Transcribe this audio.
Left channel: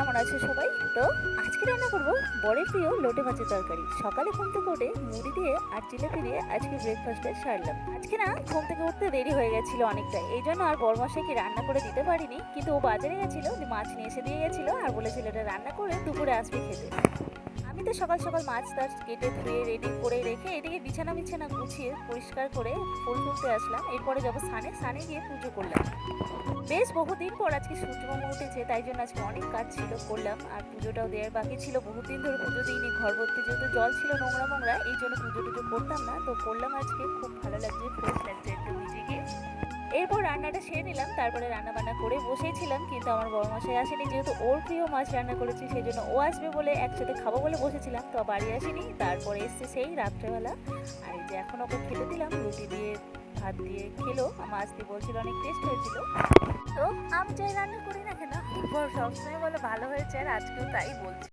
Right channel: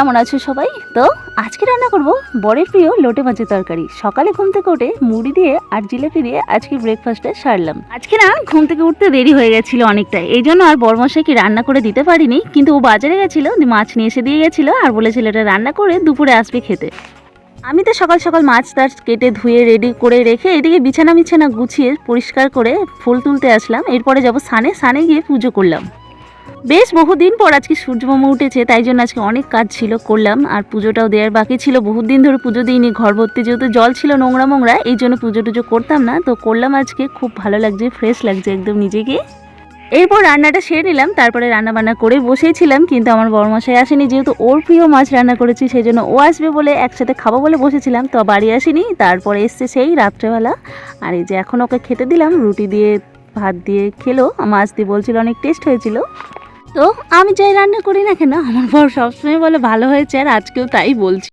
কেমন আছো সবাই? তো আজকে রান্না করব বরের প্রিয় লোটে মাছের তরকারি। সকালে ঘুম থেকে উঠে মুড়ি দিয়ে আর জিলেপি দিয়ে আজকে ব্রেকফাস্টে সারলাম। আজকে না ঘুম থেকে উঠতে দেরি হয়ে গেছিল অনেকটাই। এই জন্য আর বরমশাইকে রান্না করে দিতে পারিনি, কিন্তু ও বাজারে গেছিল মাছ নিয়ে এসে দিয়ে গেছিল আর বলেছিল এটা রান্না করে দুপুরে আসবে খেতে। আমি তো সকাল সকাল মাছ টাছ কেটে ধুয়ে রেডি করে রেখে এদিকে বিছানা বিছানা গুছিয়ে পরিষ্কার করে ফুল তুলতে আসলাম। এরপরে যাব সানে সানে গিয়ে পুজো করলাম। বেশ বহুদিন পর আজকে সূর্যমামা উঠেছে, তাই জন্য আজকে অনেক কাজ ছিল, করলাম। আর পুজোটাও দেওয়ার বাকি ছিল। বহুত দিন ধরে পুজো দিইনি, ঘর ভর্তি যেহেতু জল ছিল নোংরা মোংরা, এই জন্য পুজো টুজো করতাম না। তো করলাম আজকে, খুব ভালো লাগছে ফ্রেশ লাগছে একদম নিজেকে। এরপর রান্নাটা সেরে নিলাম, তারপরে রান্না বান্না করে বসেছিলাম, কিন্তু আমার বড়মশাই আসেনি, যেহেতু ওর প্রিয় মাছ রান্না করেছি, সেই জন্য ও আসবে বলে একসাথে খাব বলে বসেছিলাম, তো বাড়ি আসেনি। তারপরে এসছে সেই রাত্রেবেলা। আর এই যে এখন ওকে খেতে দিলাম, রুটি দিয়ে ভাত দিয়ে খেলো। মাছ দিয়ে বলছিল অনেক টেস্ট হয়েছিল। তো আমি যাই রান্না করি না কেন? আমার বর সবসময় বলে, ভালো হয়েছে আর আজকেও তাই বলছি।